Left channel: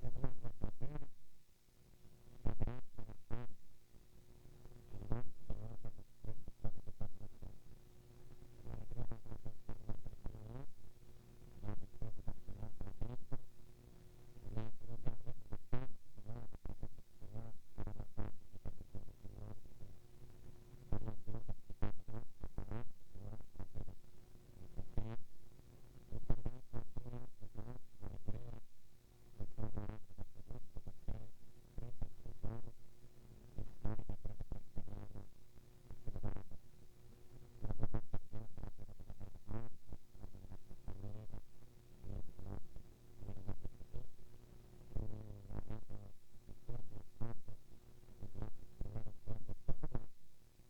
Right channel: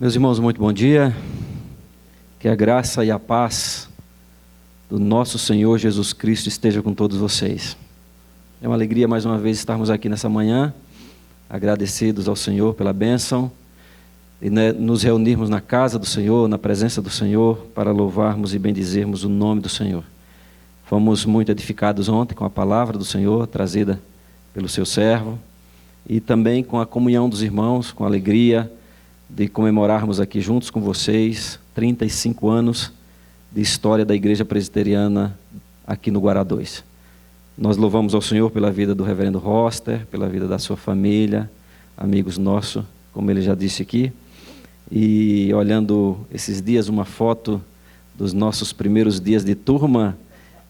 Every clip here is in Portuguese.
Meus irmãos, muito bom dia. Que a graça e a paz do nosso Senhor Jesus Cristo esteja com todos vocês. É uma alegria mais uma vez estarmos aqui nessa manhã, agradecidos ao Senhor pela bênção e nos reunirmos na casa do Senhor, na presença do Senhor, para louvarmos e bendizermos o nome do Senhor. Fomos muito edificados ontem com a palavra do Senhor, trazida pelo seu servo, e também com a comunhão dos irmãos, com a alegria de comemorarmos aqui juntos com vocês 35 anos de história da Igreja Presbiteriana aqui no Guará 2. Nós louvamos ao Senhor pela vida do reverendo Roster, pela vida da sua família, amigos nossos, como ele já disse aqui. E olhando esses dias uma foto dos nossos primeiros dias de turma,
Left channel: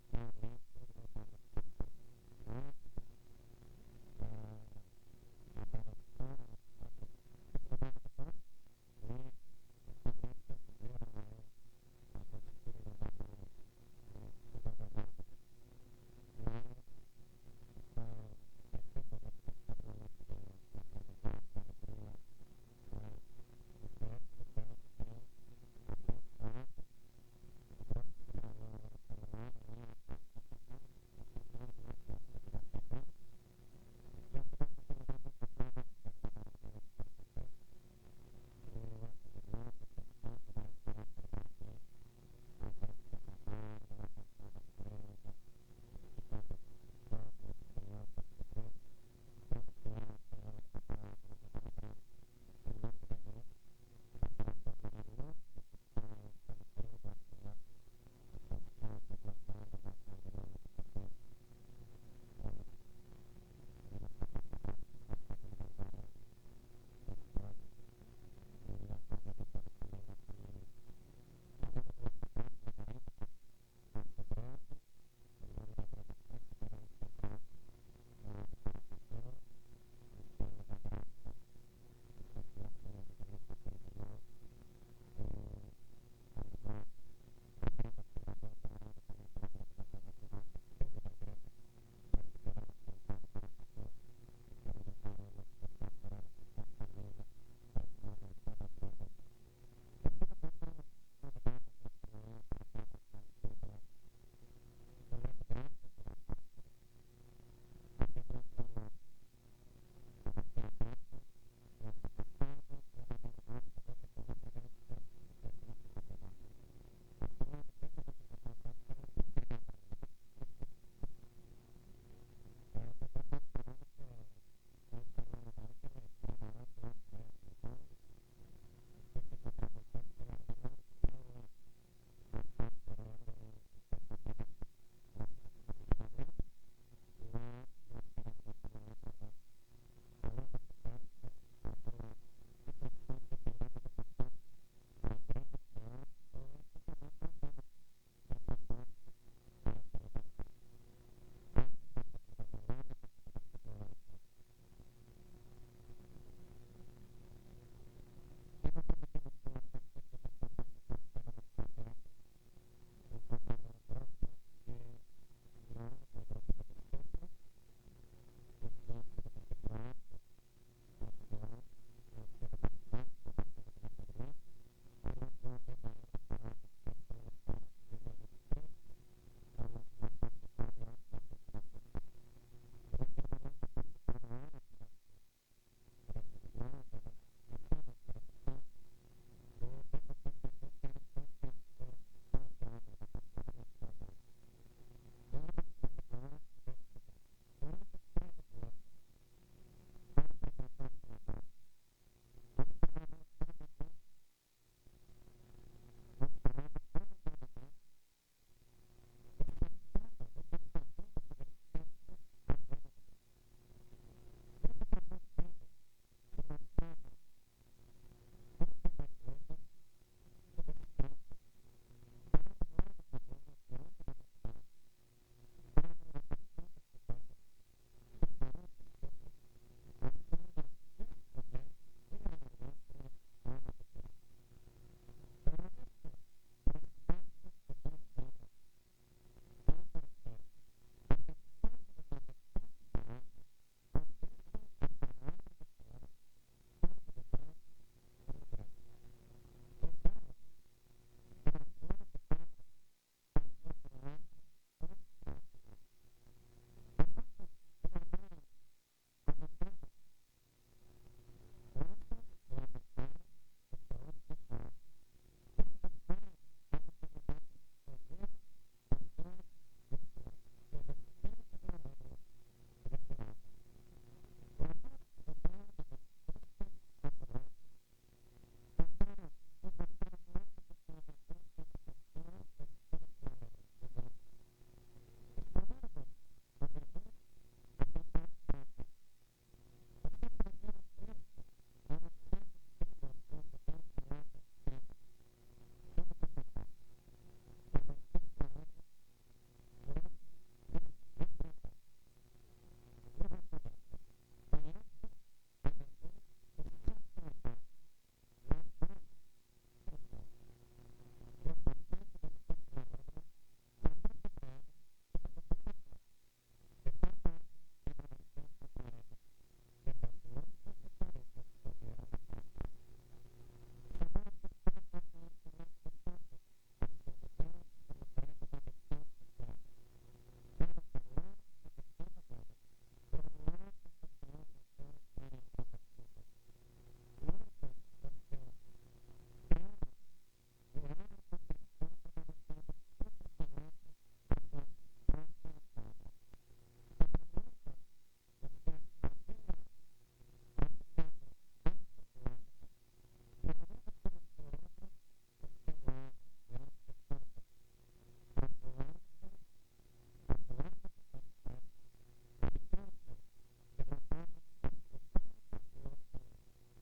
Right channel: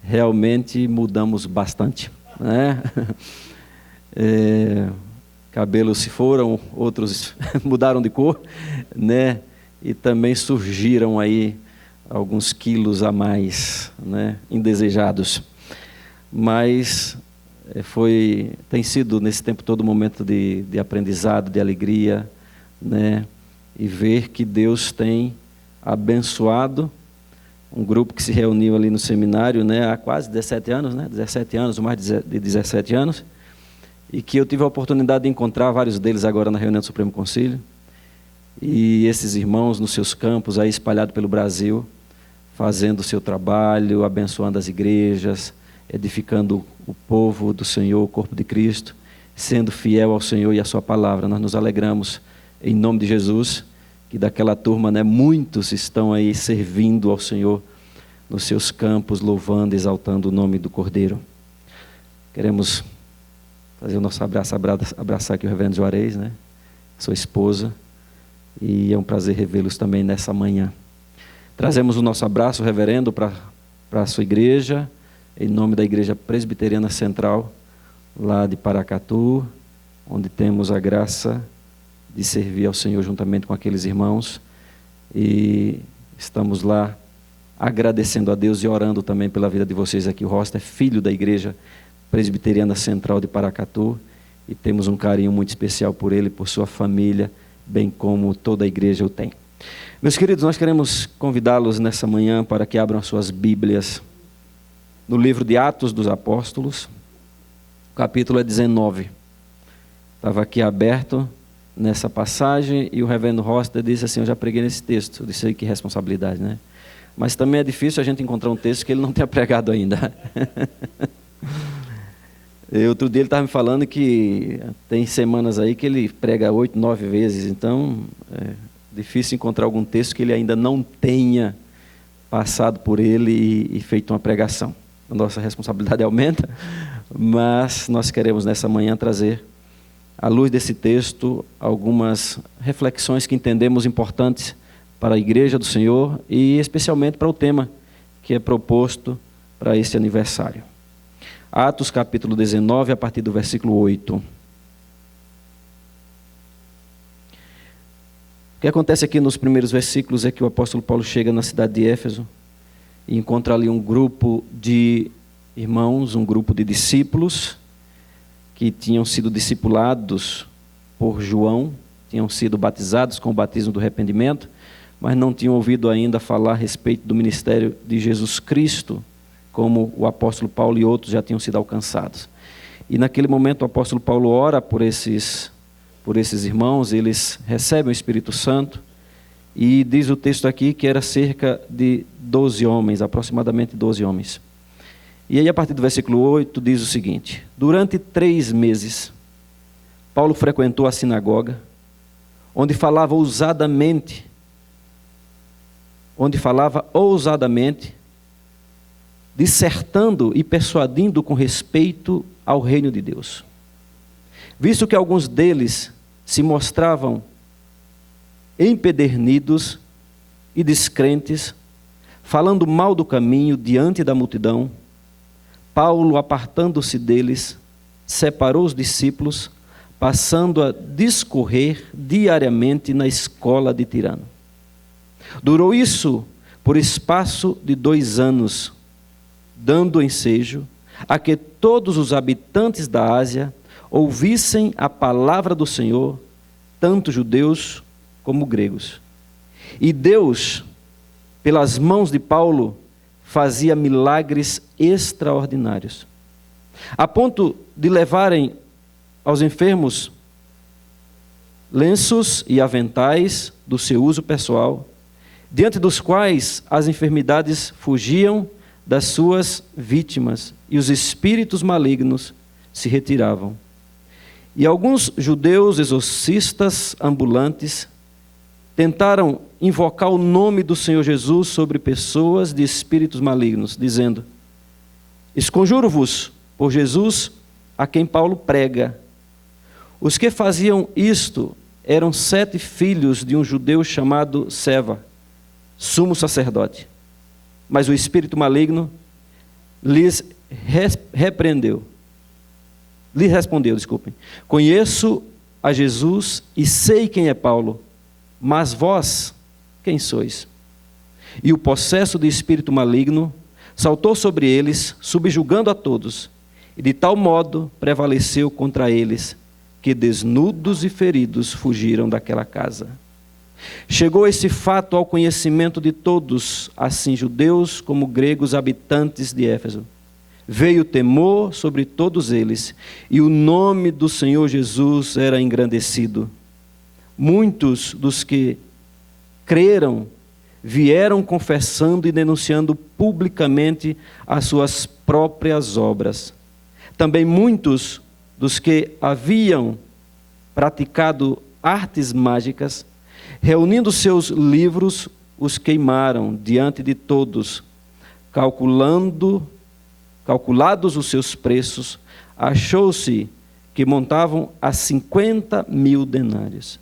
realmente mudamos bastante, né? Cabelos se foram, outros mudaram de cor, né? E também surgiram aí alguns quilos a mais, né? Indesejados. Mas tem sido nesse tempo todo um momento de aprendizado, de alegria, né? E ver que Deus tem abençoado um grupo que se reuniu ali no seminário, né? Há quase 17 anos, né? 17 anos, mais de 17 anos. E que eu tive a oportunidade de encontrar vários deles agora na reunião do Supremo Concílio. E esses irmãos nos seus campos aí espalhados pelo Brasil, fazendo o seu trabalho, abençoando as igrejas, edificando o povo do Senhor, o corpo de Cristo, sendo fiel ao Senhor e à sua palavra. Nós nos alegramos em nome de Jesus, que daquela turma, né, muitos estão aí servindo ao Senhor nos seus campos, louvando, exaltando o nome do Cordeiro. Queremos fazer o nosso abraçar aqui o reverendo Juarez, né? Sua esposa, e é um prazer revê-los também nessa manhã. Trazemos o nosso abraço, reverendo, para a sua igreja, em nome da Igreja Presbiteriana Central, lá de Paracatu, onde temos a graça de servir ao Senhor juntamente com aqueles irmãos, e estamos lá agradecendo a Deus e orando também pela vida de vocês aqui. O Roster é filho da Igreja Presbiteriana Central de Paracatu, e temos um carinho muito especial por ele, por sua família, bem como toda a igreja o tem. Meus queridos, nós queremos convidá-los nessa manhã para que abram as suas Bíblias no livro de Atos dos Apóstolos, o capítulo 19. Estava aqui aberto nessa passagem e o reverendo Roster disse assim: eu já preguei nesse texto. Eu disse aí, que responsabilidade, né? Mas também é difícil a gente encontrar um texto que ele não tenha pregado ainda. Outro dia ele estava me falando que tem semanas aí que ele prega 8, 9 vezes, então é difícil encontrar algum texto que ele ainda não tenha passado por ele e feito uma pregação. A nossa responsabilidade aumenta, mas nós queremos nessa manhã trazer, à luz desse texto, algumas reflexões que entendemos importantes para a Igreja do Senhor e especialmente para o tema que é proposto para este aniversário. Atos capítulo 19, a partir do versículo 8. O que acontece aqui nos primeiros versículos é que o apóstolo Paulo chega na cidade de Éfeso e encontra ali um grupo de irmãos, um grupo de discípulos que tinham sido discipulados por João, tinham sido batizados com o batismo do arrependimento, mas não tinham ouvido ainda falar a respeito do ministério de Jesus Cristo, como o apóstolo Paulo e outros já tinham sido alcançados. E naquele momento o apóstolo Paulo ora por esses irmãos, eles recebem o Espírito Santo, e diz o texto aqui que era cerca de 12 homens, aproximadamente 12 homens. E aí a partir do versículo 8 diz o seguinte: durante 3 meses, Paulo frequentou a sinagoga, onde falava ousadamente, dissertando e persuadindo com respeito ao reino de Deus. Visto que alguns deles se mostravam empedernidos e descrentes, falando mal do caminho diante da multidão, Paulo, apartando-se deles, separou os discípulos, passando a discorrer diariamente na escola de Tirano. Durou isso por espaço de 2 anos, dando ensejo a que todos os habitantes da Ásia ouvissem a palavra do Senhor, tanto judeus como gregos. E Deus, pelas mãos de Paulo, fazia milagres extraordinários, a ponto de levarem aos enfermos lenços e aventais do seu uso pessoal, diante dos quais as enfermidades fugiam das suas vítimas e os espíritos malignos se retiravam. E alguns judeus exorcistas ambulantes tentaram invocar o nome do Senhor Jesus sobre pessoas de espíritos malignos, dizendo: esconjuro-vos por Jesus, a quem Paulo prega. Os que faziam isto eram 7 filhos de um judeu chamado Seva, sumo sacerdote. Mas o espírito maligno lhes respondeu: conheço a Jesus e sei quem é Paulo, mas vós, quem sois? E o possesso de espírito maligno saltou sobre eles, subjugando a todos, e de tal modo prevaleceu contra eles, que desnudos e feridos fugiram daquela casa. Chegou esse fato ao conhecimento de todos, assim judeus como gregos habitantes de Éfeso. Veio temor sobre todos eles, e o nome do Senhor Jesus era engrandecido. Muitos dos que creram vieram confessando e denunciando publicamente as suas próprias obras. Também muitos dos que haviam praticado artes mágicas, reunindo seus livros, os queimaram diante de todos, calculados os seus preços, achou-se que montavam a 50.000 denários.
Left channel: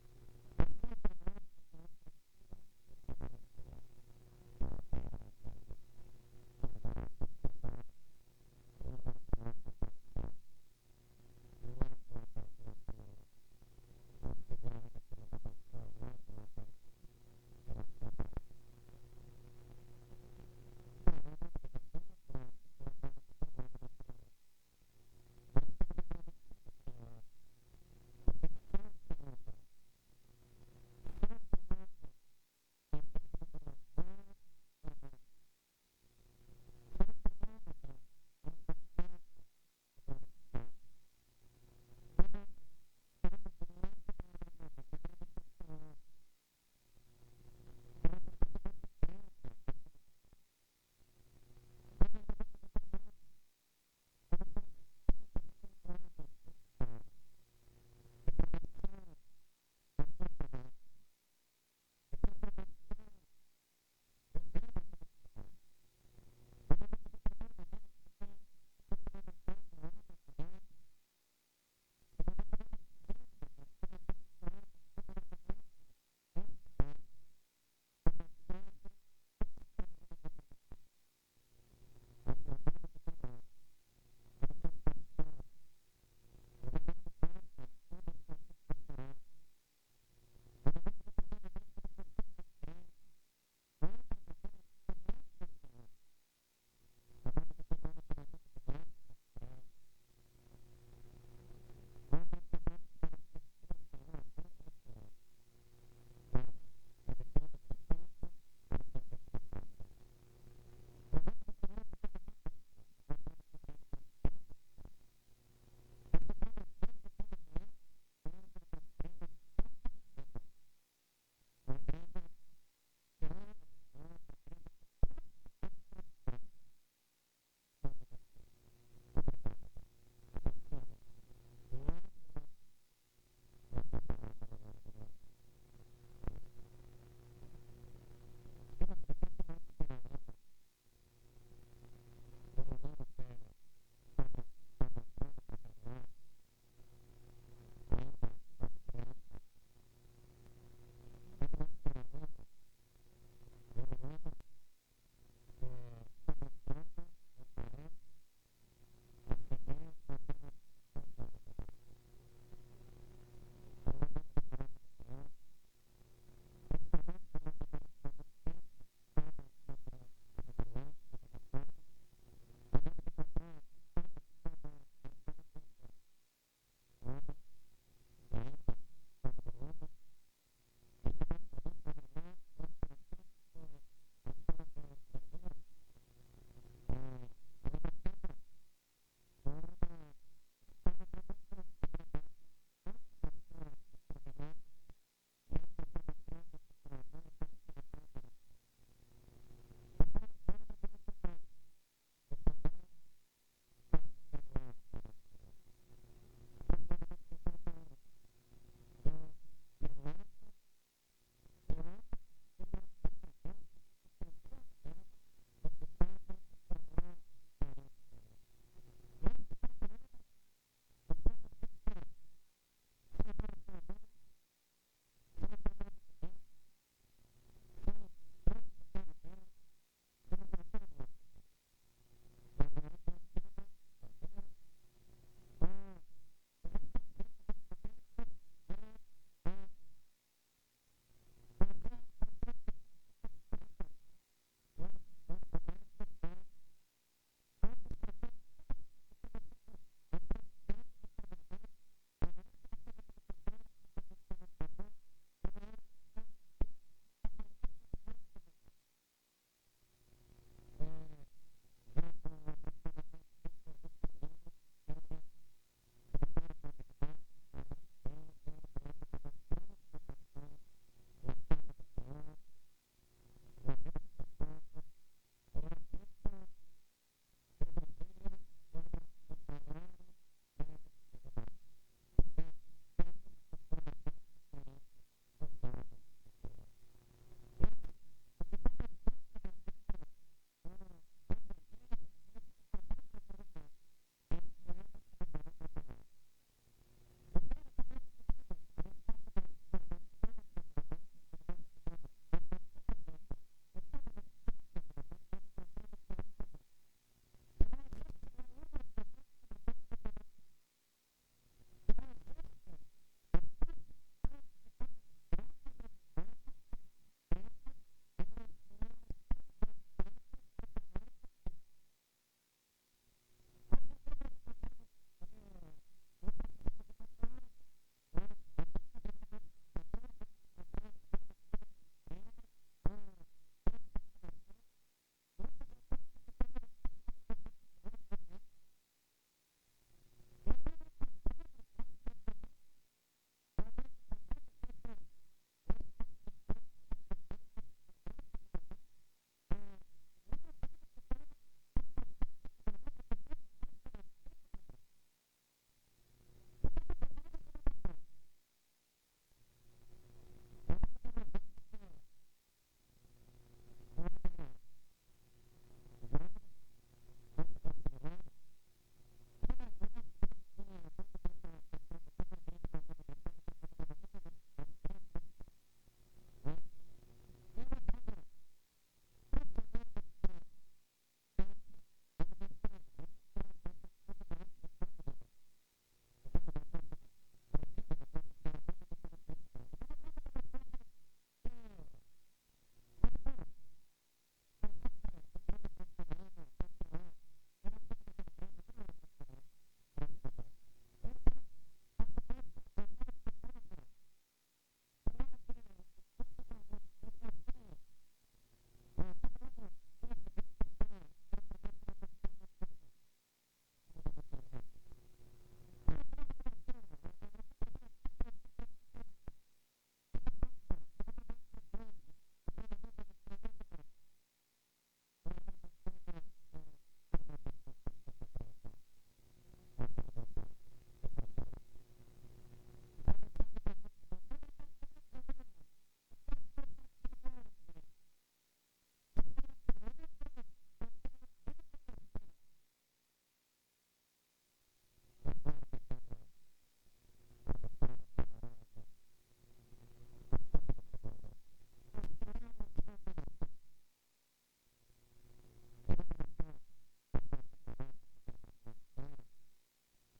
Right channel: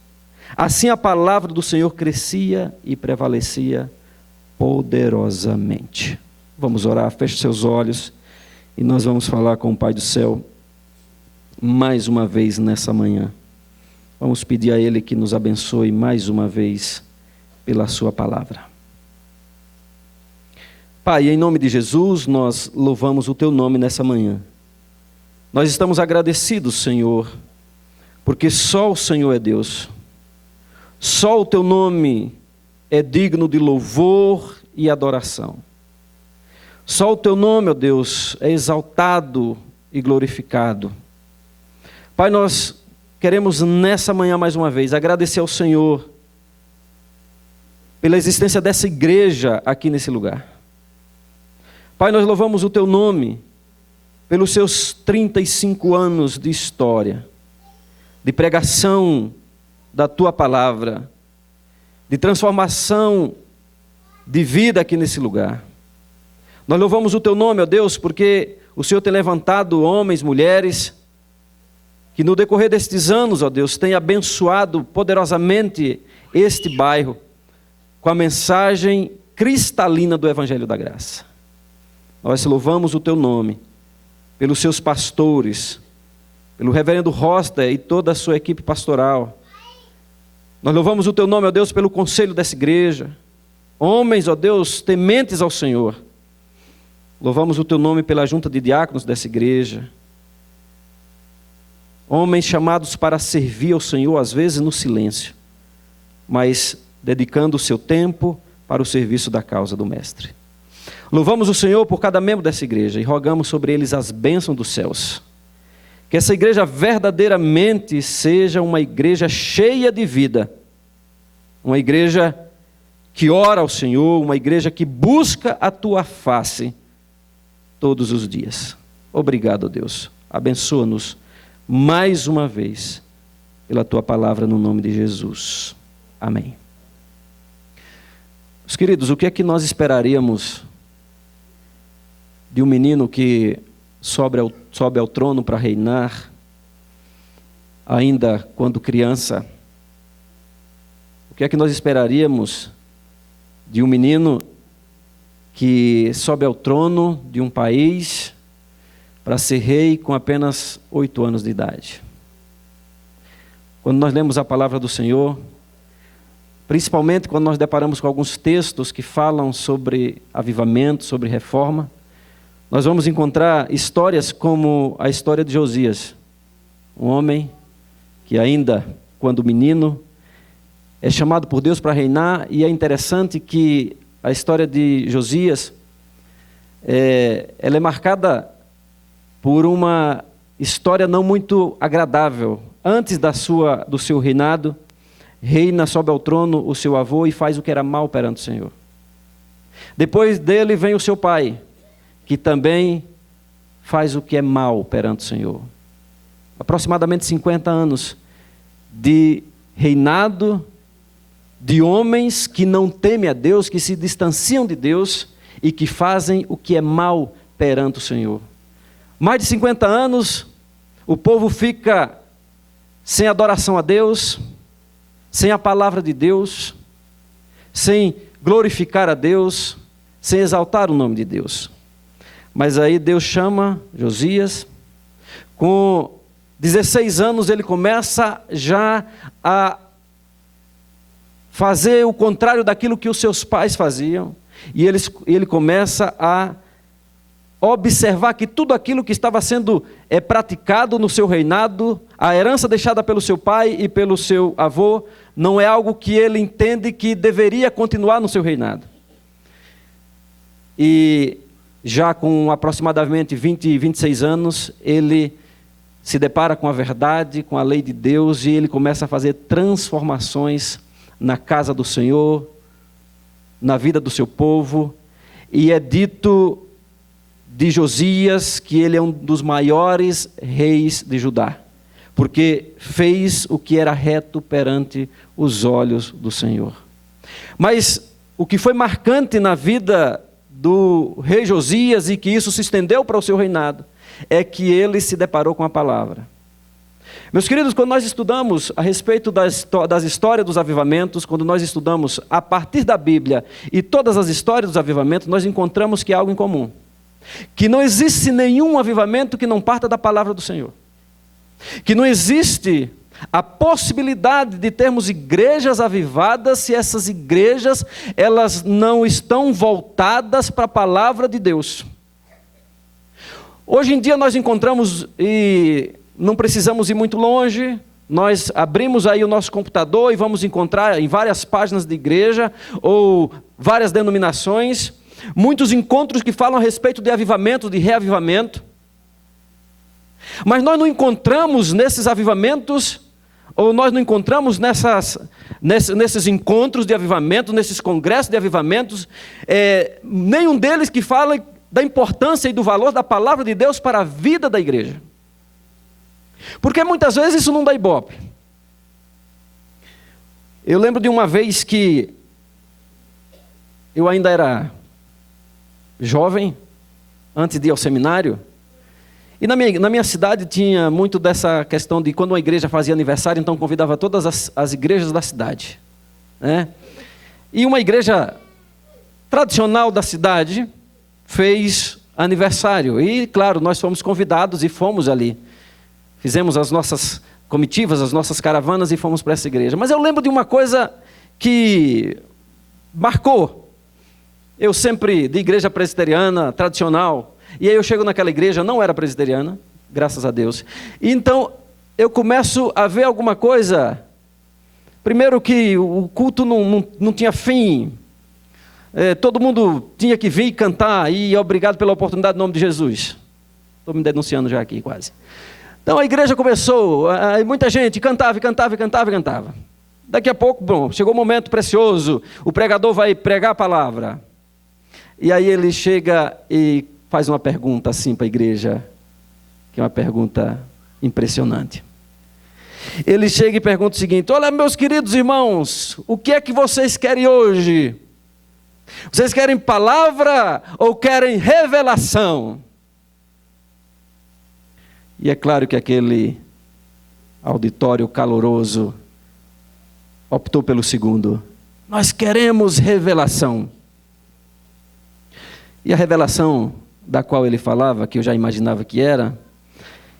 Assim a palavra do Senhor crescia e prevalecia poderosamente. Vamos orar, feche seus olhos e nós vamos falar com o Pai do céu mais uma vez nessa manhã. Vamos pedir a Ele que nos abençoe mais uma vez pela sua palavra. Pai, em nome de Jesus, nós louvamos o Teu nome nessa manhã. Nós estamos agradecidos, Senhor, porque só o Senhor é Deus. Só o Teu nome é digno de louvor e adoração. Só o Teu nome, ó Deus, é exaltado e glorificado. Pai, nós queremos nessa manhã mais uma vez agradecer ao Senhor pela existência dessa igreja aqui nesse lugar. Pai, nós louvamos o Teu nome pelos seus 35 anos de história, de pregação da Tua palavra, de transformação de vida aqui nesse lugar. Nós louvamos o Teu nome, ó Deus, porque o Senhor tem levantado homens, mulheres, que no decorrer destes anos, ó Deus, tem abençoado poderosamente este bairro com a mensagem cristalina do Evangelho da Graça. Nós louvamos o Teu nome pelos seus pastores, pelo reverendo Roster e toda a sua equipe pastoral. Nós louvamos o Teu nome, ó Deus, pelo conselho dessa igreja. Homens, ó Deus, tementes ao Senhor. Louvamos o Teu nome pela junta de diáconos dessa igreja. Homens chamados para servir ao Senhor, às vezes no silêncio, mas dedicando o seu tempo para o serviço da causa do Mestre. Louvamos o Senhor por cada membro dessa igreja e rogamos sobre eles as bênçãos dos céus. Que essa igreja verdadeiramente seja uma igreja cheia de vida, uma igreja que ora ao Senhor, uma igreja que busca a Tua face todos os dias. Obrigado, Deus. Abençoa-nos mais uma vez pela Tua palavra no nome de Jesus. Amém. Meus queridos, o que é que nós esperaríamos de um menino que sobe ao trono para reinar, ainda quando criança? O que é que nós esperaríamos de um menino que sobe ao trono de um país para ser rei com apenas 8 anos de idade? Quando nós lemos a palavra do Senhor, principalmente quando nós deparamos com alguns textos que falam sobre avivamento, sobre reforma, nós vamos encontrar histórias como a história de Josias, um homem que ainda, quando menino, é chamado por Deus para reinar, e é interessante que a história de Josias, ela é marcada por uma história não muito agradável. Antes do seu reinado, reina, sobe ao trono o seu avô e faz o que era mal perante o Senhor. Depois dele vem o seu pai, que também faz o que é mal perante o Senhor. Aproximadamente 50 anos de reinado de homens que não temem a Deus, que se distanciam de Deus e que fazem o que é mal perante o Senhor. Mais de 50 anos, o povo fica sem adoração a Deus, sem a palavra de Deus, sem glorificar a Deus, sem exaltar o nome de Deus. Mas aí Deus chama Josias. Com 16 anos ele começa já a fazer o contrário daquilo que os seus pais faziam, e ele começa a observar que tudo aquilo que estava sendo praticado no seu reinado, a herança deixada pelo seu pai e pelo seu avô, não é algo que ele entende que deveria continuar no seu reinado. E já com aproximadamente 26 anos, ele se depara com a verdade, com a lei de Deus, e ele começa a fazer transformações na casa do Senhor, na vida do seu povo, e é dito de Josias que ele é um dos maiores reis de Judá, porque fez o que era reto perante os olhos do Senhor. Mas o que foi marcante na vida do rei Josias, e que isso se estendeu para o seu reinado, é que ele se deparou com a palavra. Meus queridos, quando nós estudamos a respeito das histórias dos avivamentos, quando nós estudamos a partir da Bíblia e todas as histórias dos avivamentos, nós encontramos que há algo em comum. Que não existe nenhum avivamento que não parta da palavra do Senhor. Que não existe a possibilidade de termos igrejas avivadas se essas igrejas, elas não estão voltadas para a palavra de Deus. Hoje em dia nós encontramos, e não precisamos ir muito longe, nós abrimos aí o nosso computador e vamos encontrar em várias páginas de igreja, ou várias denominações, muitos encontros que falam a respeito de avivamento, de reavivamento. Mas nós não encontramos nesses avivamentos, ou nós não encontramos nesses encontros de avivamento, nesses congressos de avivamentos, nenhum deles que fala da importância e do valor da palavra de Deus para a vida da igreja. Porque muitas vezes isso não dá ibope. Eu lembro de uma vez que eu ainda era jovem, antes de ir ao seminário, e na minha cidade tinha muito dessa questão de quando uma igreja fazia aniversário, então convidava todas as igrejas da cidade, né? E uma igreja tradicional da cidade fez aniversário, e claro, nós fomos convidados e fomos ali. Fizemos as nossas comitivas, as nossas caravanas e fomos para essa igreja. Mas eu lembro de uma coisa que marcou. Eu sempre, de igreja presbiteriana, tradicional, e aí eu chego naquela igreja, não era presbiteriana, graças a Deus. E então, eu começo a ver alguma coisa. Primeiro que o culto não tinha fim. Todo mundo tinha que vir cantar, e obrigado pela oportunidade em nome de Jesus. Estou me denunciando já aqui quase. Então a igreja começou, muita gente cantava. Daqui a pouco, chegou um momento precioso, o pregador vai pregar a palavra. E aí ele chega e faz uma pergunta assim para a igreja, que é uma pergunta impressionante. Ele chega e pergunta o seguinte: olha, meus queridos irmãos, o que é que vocês querem hoje? Vocês querem palavra ou querem revelação? E é claro que aquele auditório caloroso optou pelo segundo. Nós queremos revelação. E a revelação da qual ele falava, que eu já imaginava que era,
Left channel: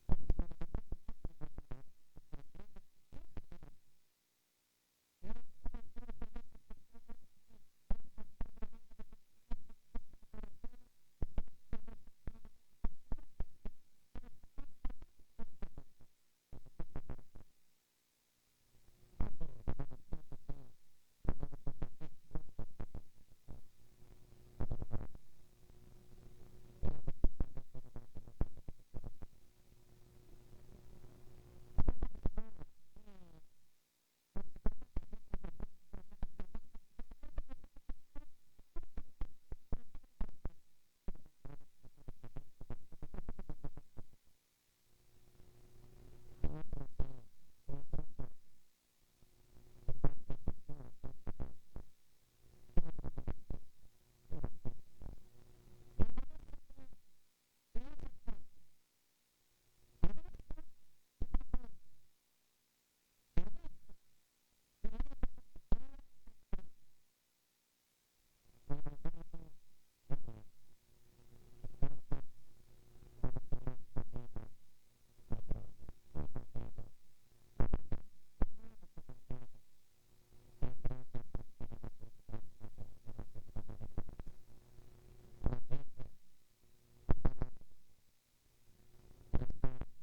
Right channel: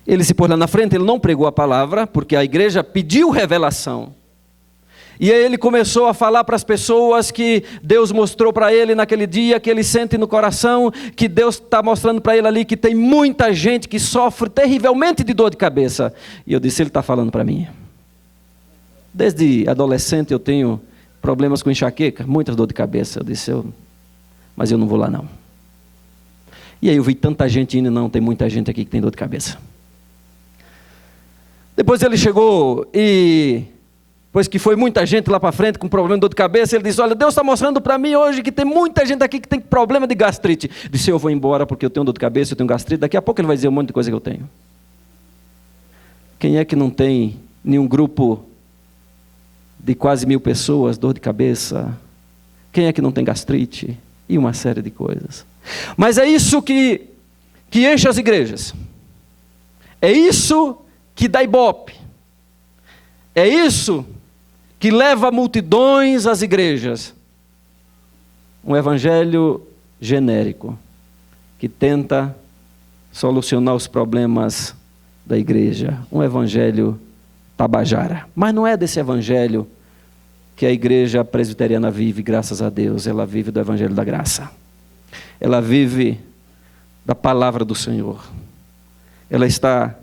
ele se pôs lá na frente, ele não pregou a palavra, porque a igreja pediu revelação. E aí ele começou a falar para as pessoas que Deus mostrou para ele naquele dia, que ele sente no coração, que Deus está mostrando para ele ali, que tem muita gente que sofre terrivelmente de dor de cabeça. E eu disse: ele está falando para mim. Desde adolescente eu tenho problemas com enxaqueca, muitas dor de cabeça. Eu disse, mas eu não vou lá não. E aí eu vi tanta gente indo, não, tem muita gente aqui que tem dor de cabeça. Depois ele chegou e, depois que foi muita gente lá para frente com problema de dor de cabeça, ele disse, olha, Deus está mostrando para mim hoje que tem muita gente aqui que tem problema de gastrite. Eu disse, eu vou embora porque eu tenho dor de cabeça, eu tenho gastrite, daqui a pouco ele vai dizer um monte de coisa que eu tenho. Quem é que não tem nenhum grupo de quase 1000 pessoas, dor de cabeça? Quem é que não tem gastrite? E uma série de coisas. Mas é isso que enche as igrejas. É isso que dá ibope. É isso que leva multidões às igrejas. Um evangelho genérico, que tenta solucionar os problemas da igreja. Um evangelho tabajara. Mas não é desse evangelho que a igreja presbiteriana vive, graças a Deus. Ela vive do evangelho da graça. Ela vive da palavra do Senhor. Ela está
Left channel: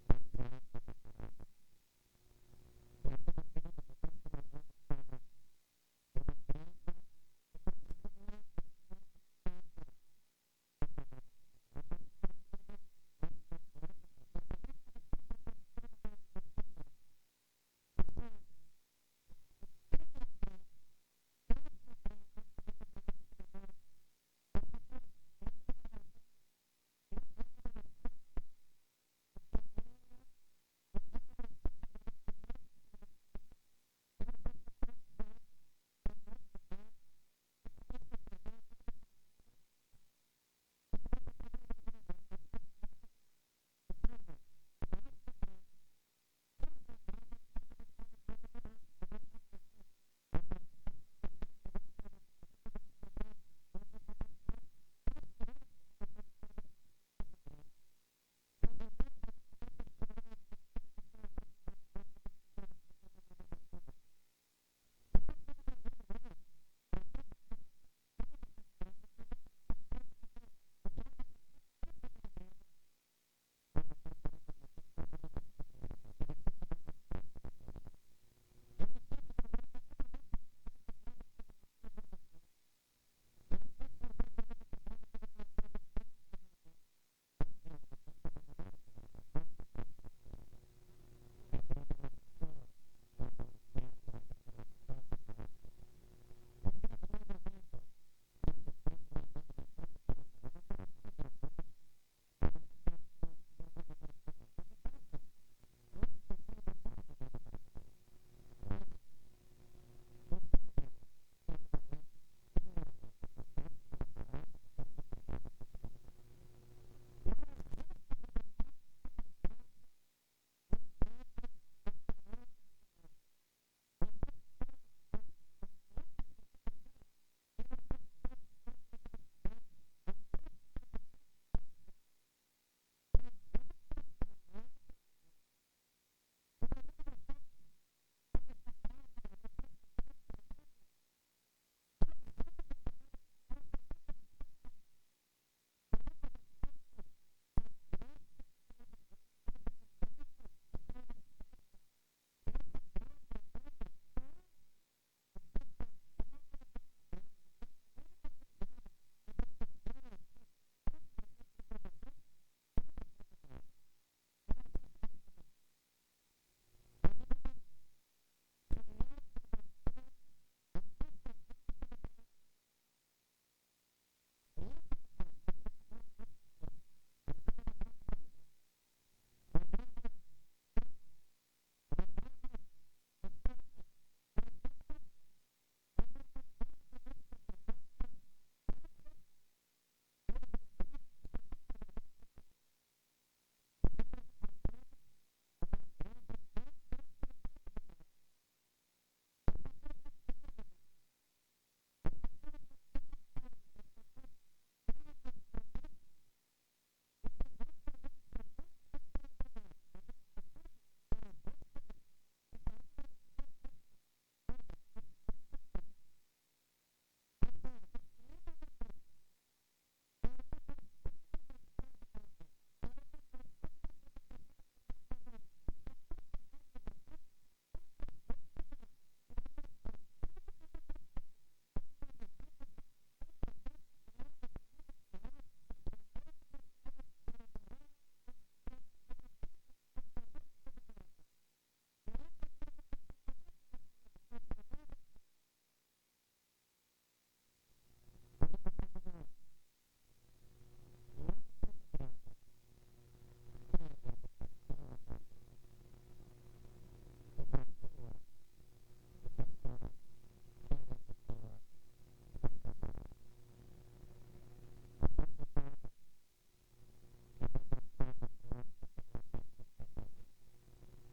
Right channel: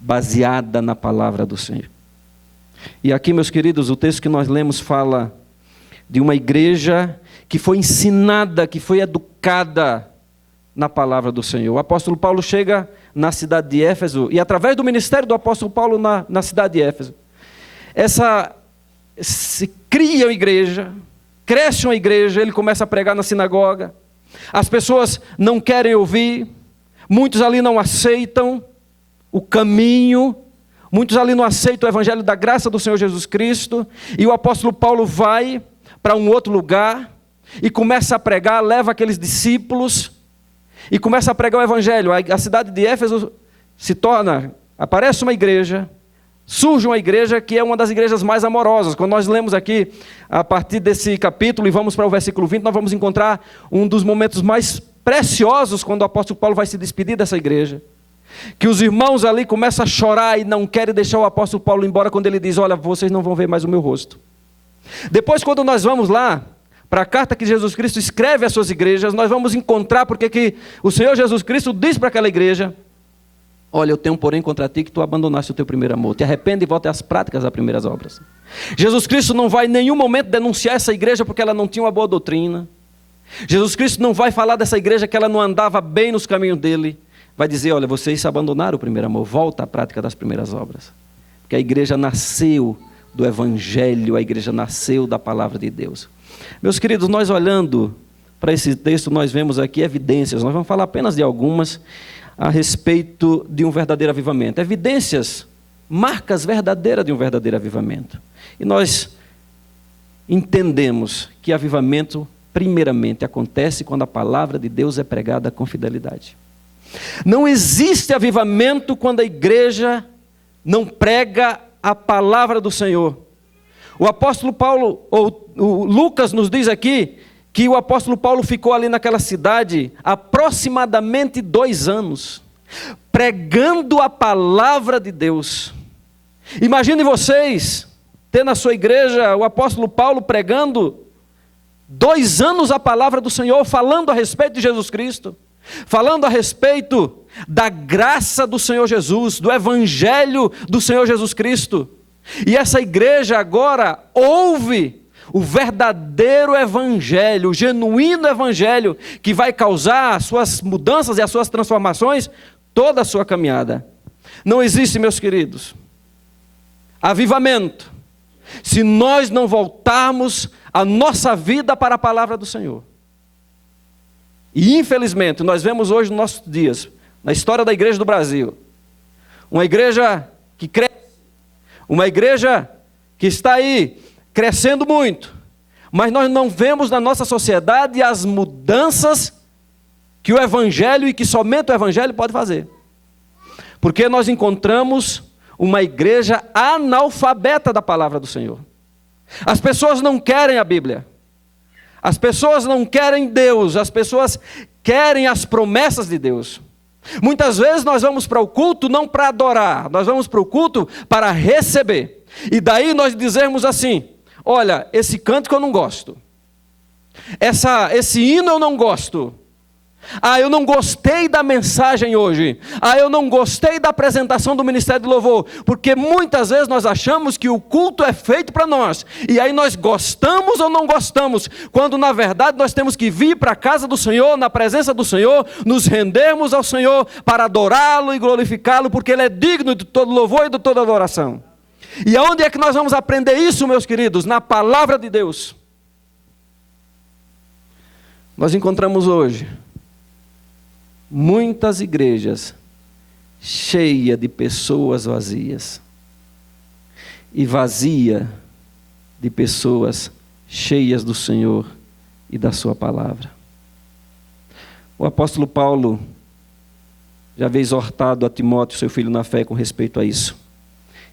baseada na palavra do Senhor. E aqui, meus queridos, o texto que nós lemos fala de uma igreja que foi ensinada, que foi educada na palavra do Senhor. O apóstolo Paulo chega na cidade de Éfeso, e através do ministério do apóstolo Paulo na cidade de Éfeso, se cria uma igreja, cresce uma igreja, ele começa a pregar na sinagoga, as pessoas não querem ouvir, muitos ali não aceitam o caminho, muitos ali não aceitam o evangelho da graça do Senhor Jesus Cristo, e o apóstolo Paulo vai para um outro lugar, e começa a pregar, leva aqueles discípulos, e começa a pregar o evangelho. A cidade de Éfeso aparece uma igreja, surge uma igreja que é uma das igrejas mais amorosas. Quando nós lemos aqui, a partir desse capítulo, e vamos para o versículo 20, nós vamos encontrar um dos momentos mais preciosos, quando o apóstolo Paulo vai se despedir dessa igreja, que os irmãos ali começam a chorar e não querem deixar o apóstolo Paulo embora, quando ele diz, olha, vocês não vão ver mais o meu rosto. Depois, quando nós vamos lá, para a carta que Jesus Cristo escreve às suas igrejas, nós vamos encontrar porque que o Senhor Jesus Cristo diz para aquela igreja, olha, eu tenho porém contra ti que tu abandonaste o teu primeiro amor, te arrepende e volte às práticas das primeiras obras. Jesus Cristo não vai em nenhum momento denunciar essa igreja porque ela não tinha uma boa doutrina. Jesus Cristo não vai falar dessa igreja que ela não andava bem nos caminhos dele. Vai dizer, olha, vocês abandonaram o primeiro amor, volta à prática das primeiras obras. Porque a igreja nasceu do evangelho, a igreja nasceu da palavra de Deus. Meus queridos, nós olhando para esse texto, nós vemos aqui evidências, nós vamos falar apenas de algumas, a respeito de um verdadeiro avivamento. Evidências, marcas verdadeiras de um verdadeiro avivamento. E nós entendemos que avivamento, primeiramente, acontece quando a palavra de Deus é pregada com fidelidade. Não existe avivamento quando a igreja não prega a palavra do Senhor. O apóstolo Paulo, ou o Lucas nos diz aqui, que o apóstolo Paulo ficou ali naquela cidade aproximadamente 2 anos, pregando a palavra de Deus. Imaginem vocês, ter na sua igreja o apóstolo Paulo pregando 2 anos a palavra do Senhor, falando a respeito de Jesus Cristo, falando a respeito da graça do Senhor Jesus, do evangelho do Senhor Jesus Cristo. E essa igreja agora ouve o verdadeiro evangelho, o genuíno evangelho, que vai causar as suas mudanças e as suas transformações, toda a sua caminhada. Não existe, meus queridos, avivamento, se nós não voltarmos a nossa vida para a palavra do Senhor. E infelizmente, nós vemos hoje nos nossos dias, na história da igreja do Brasil, uma igreja que cresce, uma igreja que está aí crescendo muito, mas nós não vemos na nossa sociedade as mudanças que o evangelho e que somente o evangelho pode fazer. Porque nós encontramos uma igreja analfabeta da palavra do Senhor. As pessoas não querem a Bíblia. As pessoas não querem Deus, as pessoas querem as promessas de Deus. Muitas vezes nós vamos para o culto não para adorar, nós vamos para o culto para receber. E daí nós dizemos assim, olha, esse cântico eu não gosto, esse hino eu não gosto, Ah, eu não gostei da mensagem hoje. Ah, eu não gostei da apresentação do Ministério de Louvor. Porque muitas vezes nós achamos que o culto é feito para nós. E aí nós gostamos ou não gostamos. Quando na verdade nós temos que vir para a casa do Senhor, na presença do Senhor, nos rendermos ao Senhor para adorá-lo e glorificá-lo, porque Ele é digno de todo louvor e de toda adoração. E aonde é que nós vamos aprender isso, meus queridos? Na palavra de Deus. Nós encontramos hoje muitas igrejas cheias de pessoas vazias e vazia de pessoas cheias do Senhor e da sua palavra. O apóstolo Paulo já havia exortado a Timóteo, seu filho na fé, com respeito a isso.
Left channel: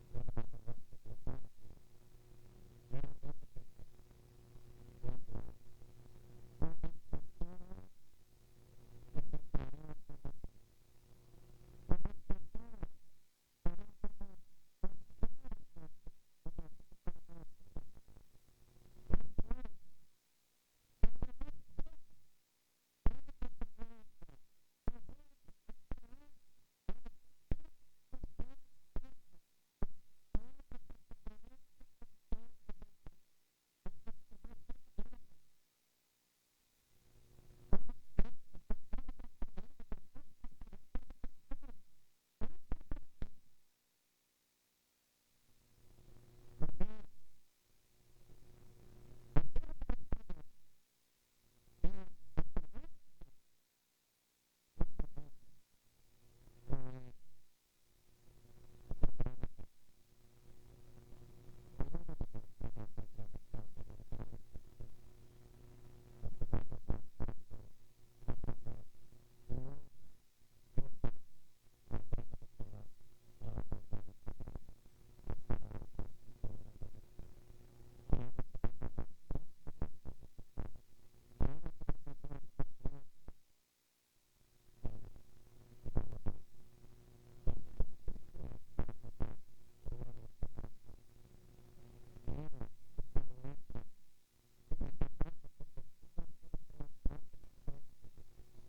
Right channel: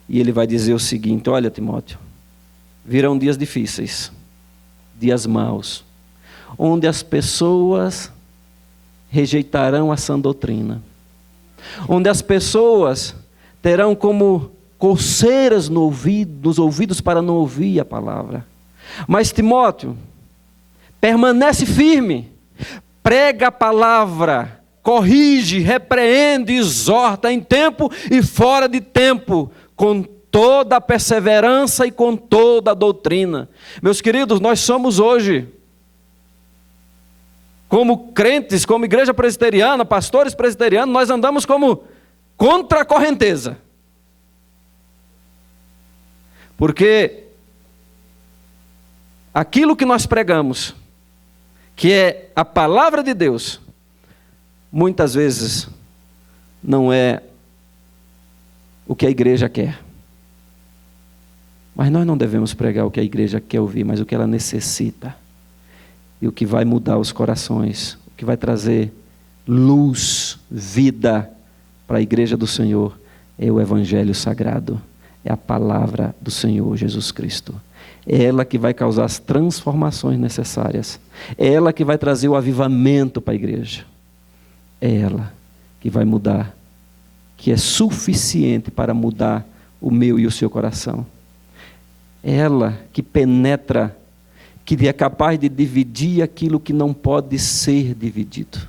E ele vai dizer o seguinte: olha, Timóteo, virão dias difíceis, dias maus, onde as pessoas rejeitarão a sã doutrina, onde as pessoas terão como coceiras nos ouvidos para não ouvir a palavra. Mas Timóteo, permanece firme, prega a palavra, corrige, repreende, exorta em tempo e fora de tempo, com toda a perseverança e com toda a doutrina. Meus queridos, nós somos hoje, como crentes, como igreja presbiteriana, pastores presbiterianos, nós andamos como contra a correnteza. Porque aquilo que nós pregamos, que é a palavra de Deus, muitas vezes não é o que a igreja quer. Mas nós não devemos pregar o que a igreja quer ouvir, mas o que ela necessita. E o que vai mudar os corações, o que vai trazer luz, vida para a igreja do Senhor, é o Evangelho Sagrado, é a palavra do Senhor Jesus Cristo. É ela que vai causar as transformações necessárias, é ela que vai trazer o avivamento para a igreja, é ela que vai mudar, que é suficiente para mudar o meu e o seu coração. É ela que penetra, que é capaz de dividir aquilo que não pode ser dividido.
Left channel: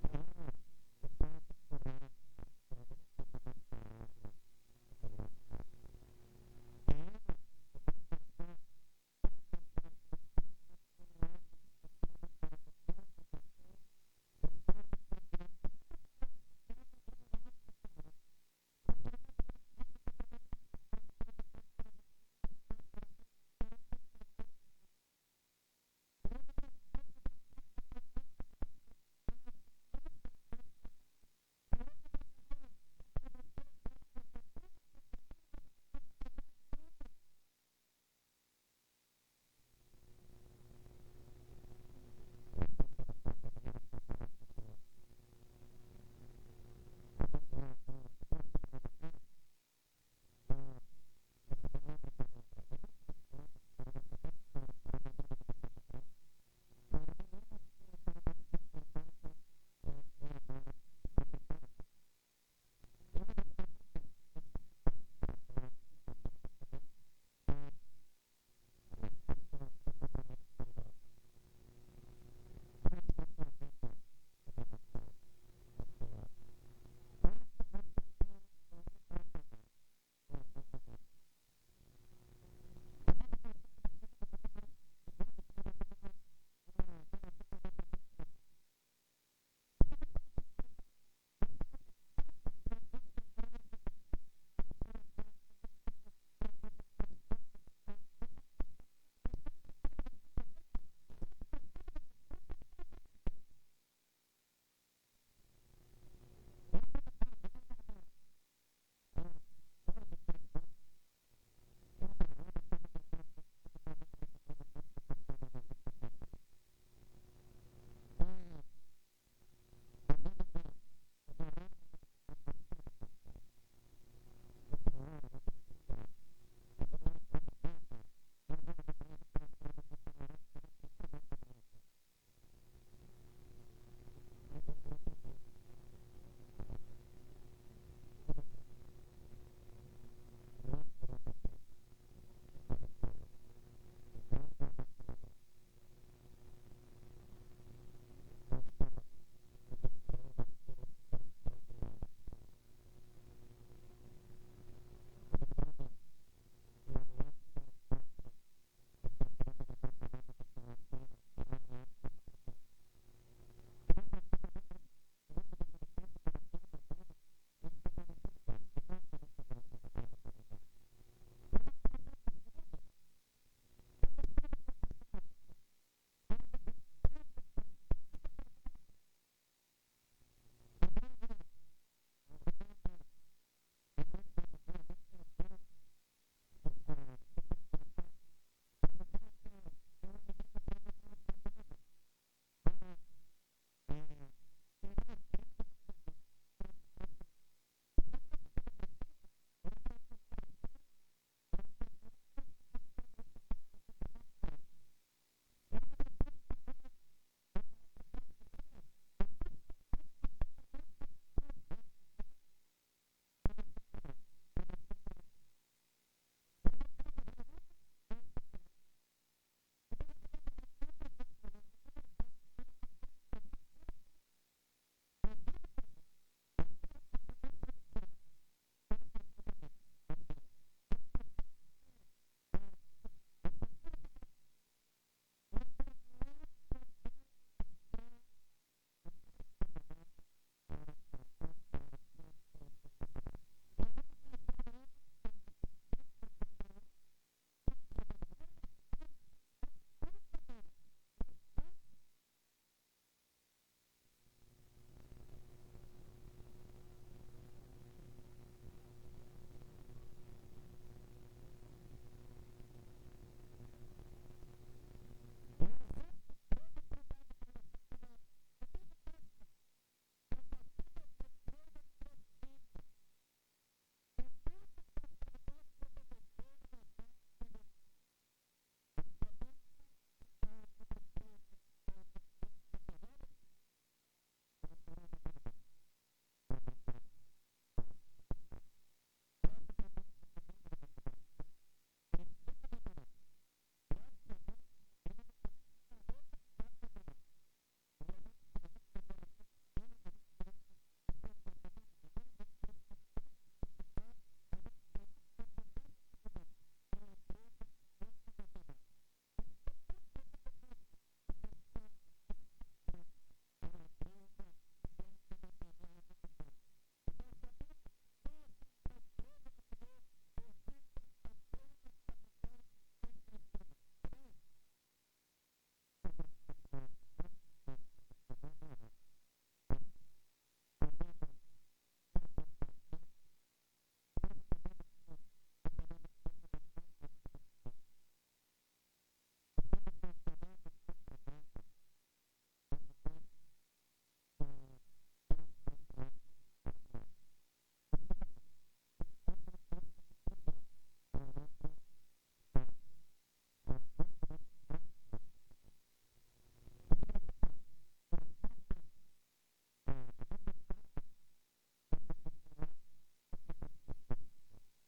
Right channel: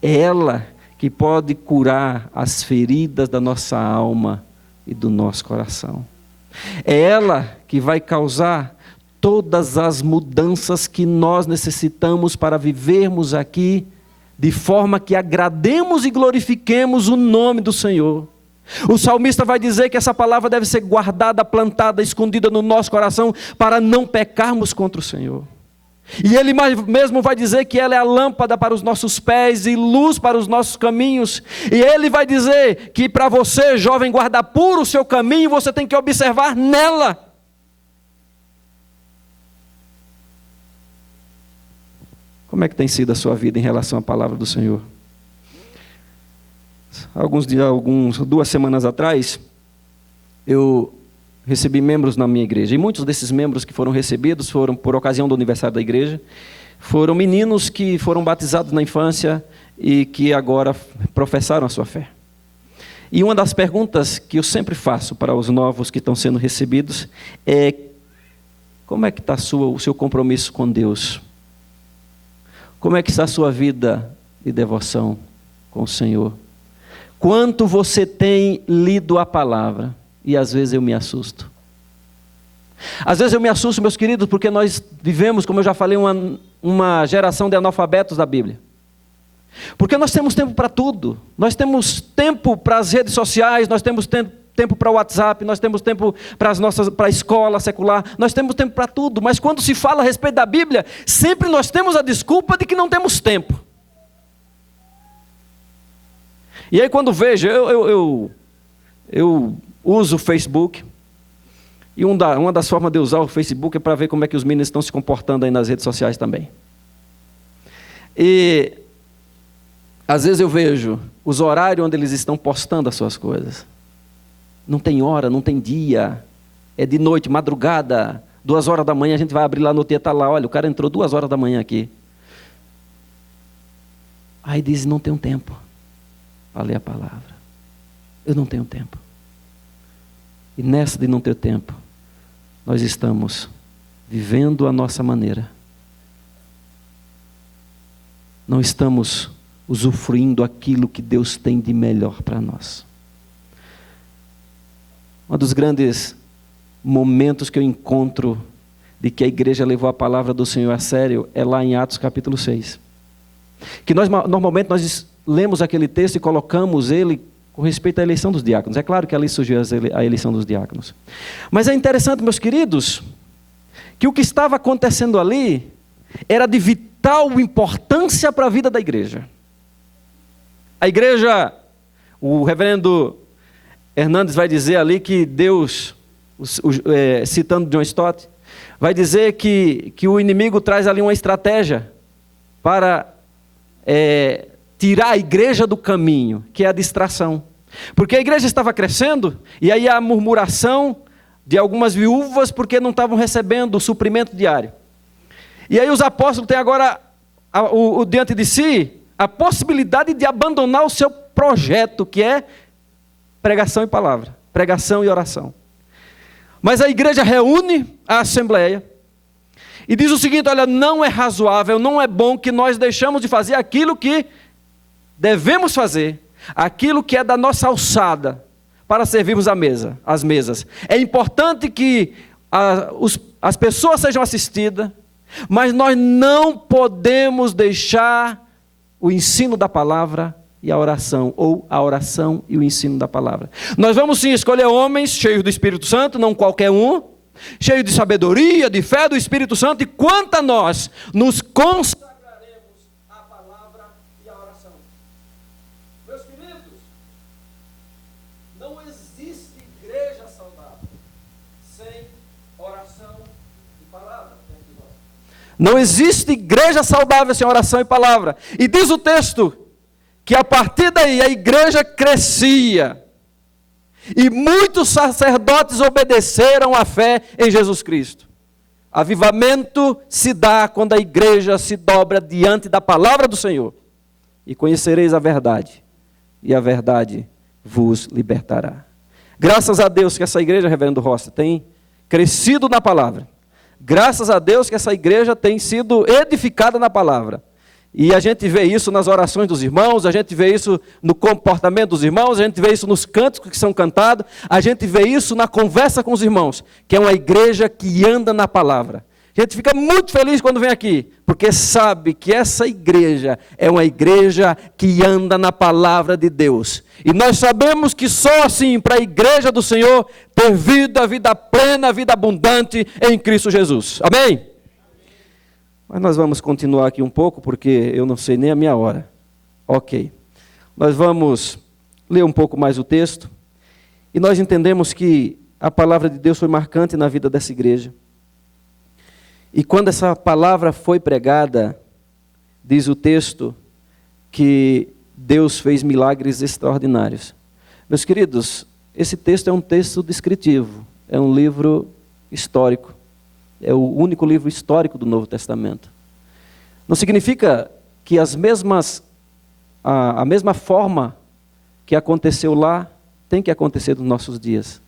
É ela que pode curar as feridas da nossa alma e do nosso coração. É ela que vai causar todas as mudanças que nós necessitamos para vivermos aqui, de forma que agrademos e glorifiquemos o nome do Senhor. O salmista vai dizer que essa palavra deve ser guardada, plantada, escondida no nosso coração, para não pecarmos contra o Senhor. E ele mesmo vai dizer que ela é a lâmpada para os nossos pés e luz para os nossos caminhos. E ele vai dizer que para você, jovem, guardar puro o seu caminho, você tem que observar nela. Como é que tem sido a sua vida em relação à palavra do Senhor? Duas semanas atrás, eu recebi membros na minha igreja, e muitos desses membros que foram recebidos foram por ocasião do aniversário da igreja, foram meninos que foram batizados na infância e que agora professaram a sua fé. E uma das perguntas que eu sempre faço para os novos que estão sendo recebidos é: como é que está o seu compromisso com Deus? Como é que está a sua vida de devoção com o Senhor? Quanto você tem lido a palavra? E às vezes eu me assusto. Às vezes eu me assusto, meus queridos, porque nós vivemos, como eu já falei, uma geração de analfabetos da Bíblia. Porque nós temos tempo para tudo. Nós temos tempo para as redes sociais, nós temos tempo para o WhatsApp, nós temos tempo para a escola secular, nós temos tempo para tudo. Mas quando se fala a respeito da Bíblia, sempre nós temos a desculpa de que não temos tempo. E aí quando vejo, eu uso o Facebook, e uma das formas de usar o Facebook é para ver como é que os meninos estão se comportando aí nas redes sociais também. E às vezes eu vejo os horários onde eles estão postando as suas coisas. Não tem hora, não tem dia, é de noite, madrugada, 2 horas da manhã, a gente vai abrir lá no dia, está lá, olha, o cara entrou 2 horas da manhã aqui. Aí diz, não tenho tempo para ler a palavra. Eu não tenho tempo. E nessa de não ter tempo, nós estamos vivendo a nossa maneira. não estamos usufruindo aquilo que Deus tem de melhor para nós. Um dos grandes momentos que eu encontro de que a igreja levou a palavra do Senhor a sério é lá em Atos capítulo 6. Que normalmente nós lemos aquele texto e colocamos ele com respeito à eleição dos diáconos. É claro que ali surgiu a eleição dos diáconos. Mas é interessante, meus queridos, que o que estava acontecendo ali era de vital importância para a vida da igreja. A igreja, o reverendo Hernandes vai dizer ali que Deus, citando John Stott, vai dizer que o inimigo traz ali uma estratégia para tirar a igreja do caminho, que é a distração. Porque a igreja estava crescendo, e aí a murmuração de algumas viúvas porque não estavam recebendo o suprimento diário. E aí os apóstolos têm agora diante de si a possibilidade de abandonar o seu projeto, que é pregação e palavra, pregação e oração. Mas a igreja reúne a assembleia e diz o seguinte: olha, não é razoável, não é bom que nós deixamos de fazer aquilo que devemos fazer, aquilo que é da nossa alçada, para servirmos as mesas. É importante que as pessoas sejam assistidas, mas nós não podemos deixar o ensino da palavra e a oração, ou a oração e o ensino da palavra. Nós vamos sim escolher homens cheios do Espírito Santo, não qualquer um, cheios de sabedoria, de fé do Espírito Santo, e quanto a nós nos consagraremos à palavra e à oração. Meus queridos, não existe igreja saudável sem oração e palavra. Não existe igreja saudável sem oração e palavra. E diz o texto que a partir daí a igreja crescia, e muitos sacerdotes obedeceram à fé em Jesus Cristo. Avivamento se dá quando a igreja se dobra diante da palavra do Senhor. E conhecereis a verdade, e a verdade vos libertará. Graças a Deus que essa igreja, reverendo Rossi, tem crescido na palavra. Graças a Deus que essa igreja tem sido edificada na palavra. E a gente vê isso nas orações dos irmãos, a gente vê isso no comportamento dos irmãos, a gente vê isso nos cânticos que são cantados, a gente vê isso na conversa com os irmãos, que é uma igreja que anda na palavra. A gente fica muito feliz quando vem aqui, porque sabe que essa igreja é uma igreja que anda na palavra de Deus. E nós sabemos que só assim, para a igreja do Senhor, ter vida plena, vida abundante em Cristo Jesus. Amém? Mas nós vamos continuar aqui um pouco, porque eu não sei nem a minha hora. Ok. Nós vamos ler um pouco mais o texto. E nós entendemos que a palavra de Deus foi marcante na vida dessa igreja. E quando essa palavra foi pregada, diz o texto, que Deus fez milagres extraordinários. Meus queridos, esse texto é um texto descritivo. É um livro histórico. É o único livro histórico do Novo Testamento. Não significa que a mesma forma que aconteceu lá tem que acontecer nos nossos dias.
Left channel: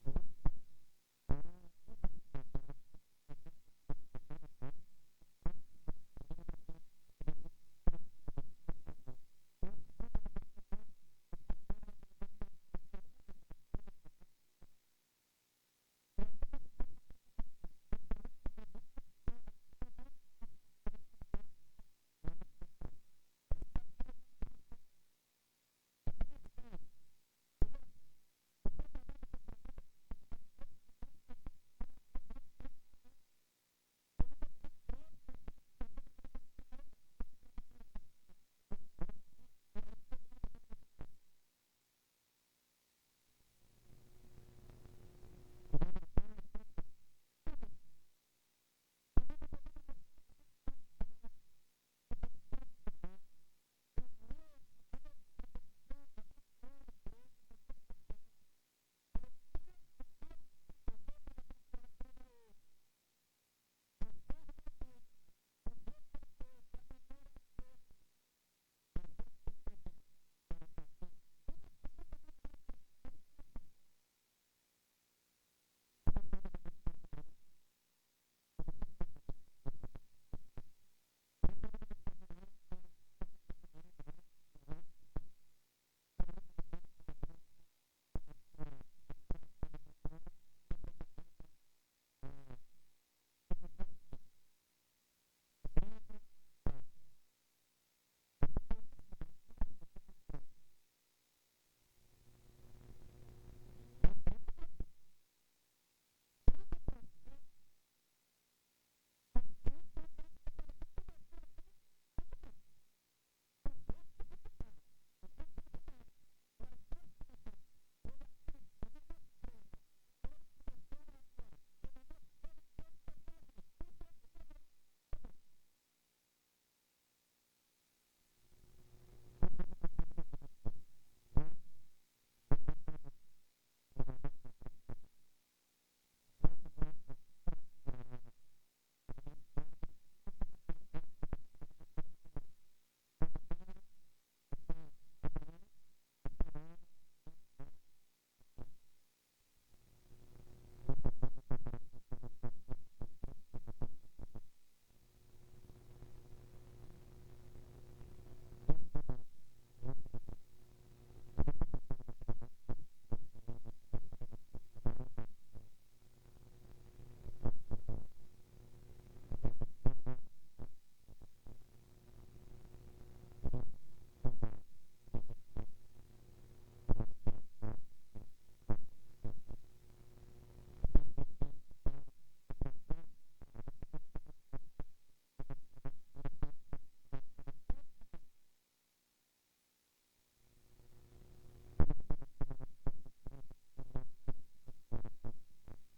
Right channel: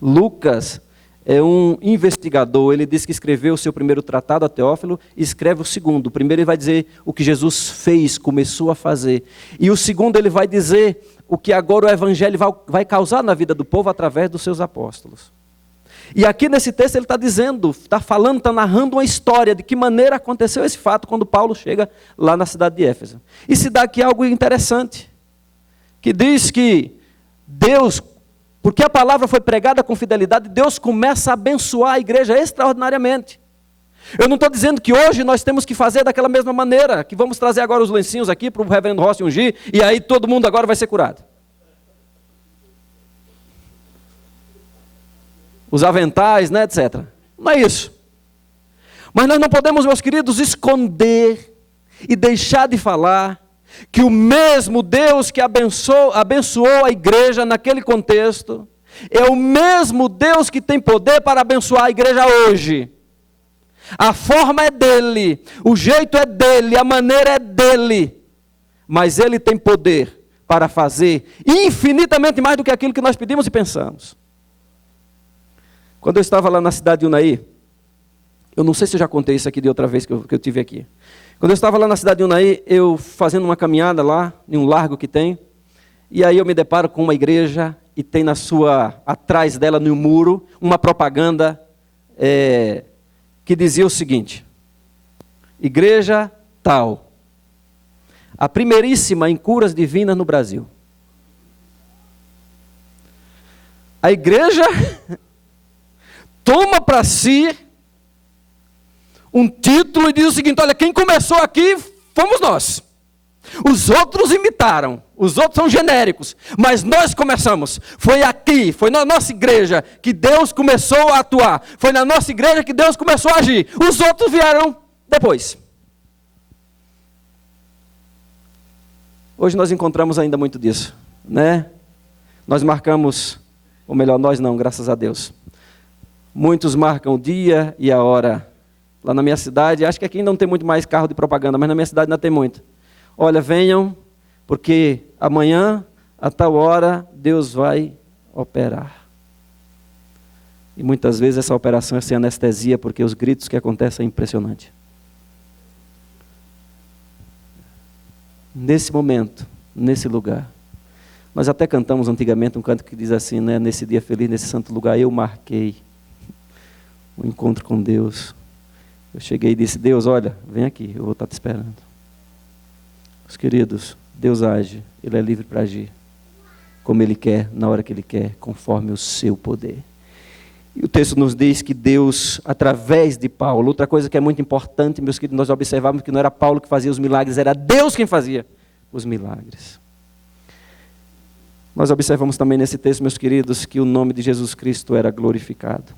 Lucas é um investigador, ele diz que escreveu o seu primeiro tratado a Teófilo e escreve o segundo. O primeiro ele vai dizer o que Jesus fez, começou a fazer. E o segundo ele vai dizer o que agora o evangelho vai causar na vida do povo através dos seus apóstolos. E aqui nesse texto ele está dizendo, está falando, está narrando uma história de que maneira aconteceu esse fato quando Paulo chega lá na cidade de Éfeso. E se dá aqui algo interessante, que diz que Deus, porque a palavra foi pregada com fidelidade, Deus começa a abençoar a igreja extraordinariamente. Eu não estou dizendo que hoje nós temos que fazer daquela mesma maneira, que vamos trazer agora os lencinhos aqui para o reverendo Rossi ungir, e aí todo mundo agora vai ser curado. Os aventais, né, etc. Não é isso. Mas nós não podemos, meus queridos, esconder e deixar de falar que o mesmo Deus que abençoou a igreja naquele contexto, é o mesmo Deus que tem poder para abençoar a igreja hoje. A forma é dele, o jeito é dele, a maneira é dele, mas ele tem poder para fazer infinitamente mais do que aquilo que nós pedimos e pensamos. Quando eu estava lá na cidade de Unai, Eu não sei se eu já contei isso aqui de outra vez que eu tive aqui. Quando eu estava lá na cidade de Unai, eu fazendo uma caminhada lá, em um largo que tem, e aí eu me deparo com uma igreja e tem atrás dela no muro, uma propaganda que dizia o seguinte: igreja tal, a primeiríssima em curas divinas no Brasil. A igreja toma para si um título e diz o seguinte: olha, quem começou aqui fomos nós. Os outros imitaram, os outros são genéricos, mas nós começamos. Foi aqui, foi na nossa igreja que Deus começou a atuar. Foi na nossa igreja que Deus começou a agir. Os outros vieram depois. Hoje nós encontramos ainda muito disso, né? Nós marcamos, ou melhor, nós não, graças a Deus. Muitos marcam o dia e a hora. Lá na minha cidade, acho que aqui não tem muito mais carro de propaganda, mas na minha cidade ainda tem muito. Olha, venham, porque amanhã, a tal hora, Deus vai operar. E muitas vezes essa operação é sem anestesia, porque os gritos que acontecem é impressionante. Nesse momento, nesse lugar, nós até cantamos antigamente um canto que diz assim, né? Nesse dia feliz, nesse santo lugar, eu marquei um encontro com Deus. Eu cheguei e disse: Deus, olha, vem aqui, eu vou estar te esperando. Os queridos, Deus age, Ele é livre para agir, como Ele quer, na hora que Ele quer, conforme o seu poder. E o texto nos diz que Deus, através de Paulo, outra coisa que é muito importante, meus queridos, nós observamos que não era Paulo que fazia os milagres, era Deus quem fazia os milagres. Nós observamos também nesse texto, meus queridos, que o nome de Jesus Cristo era glorificado.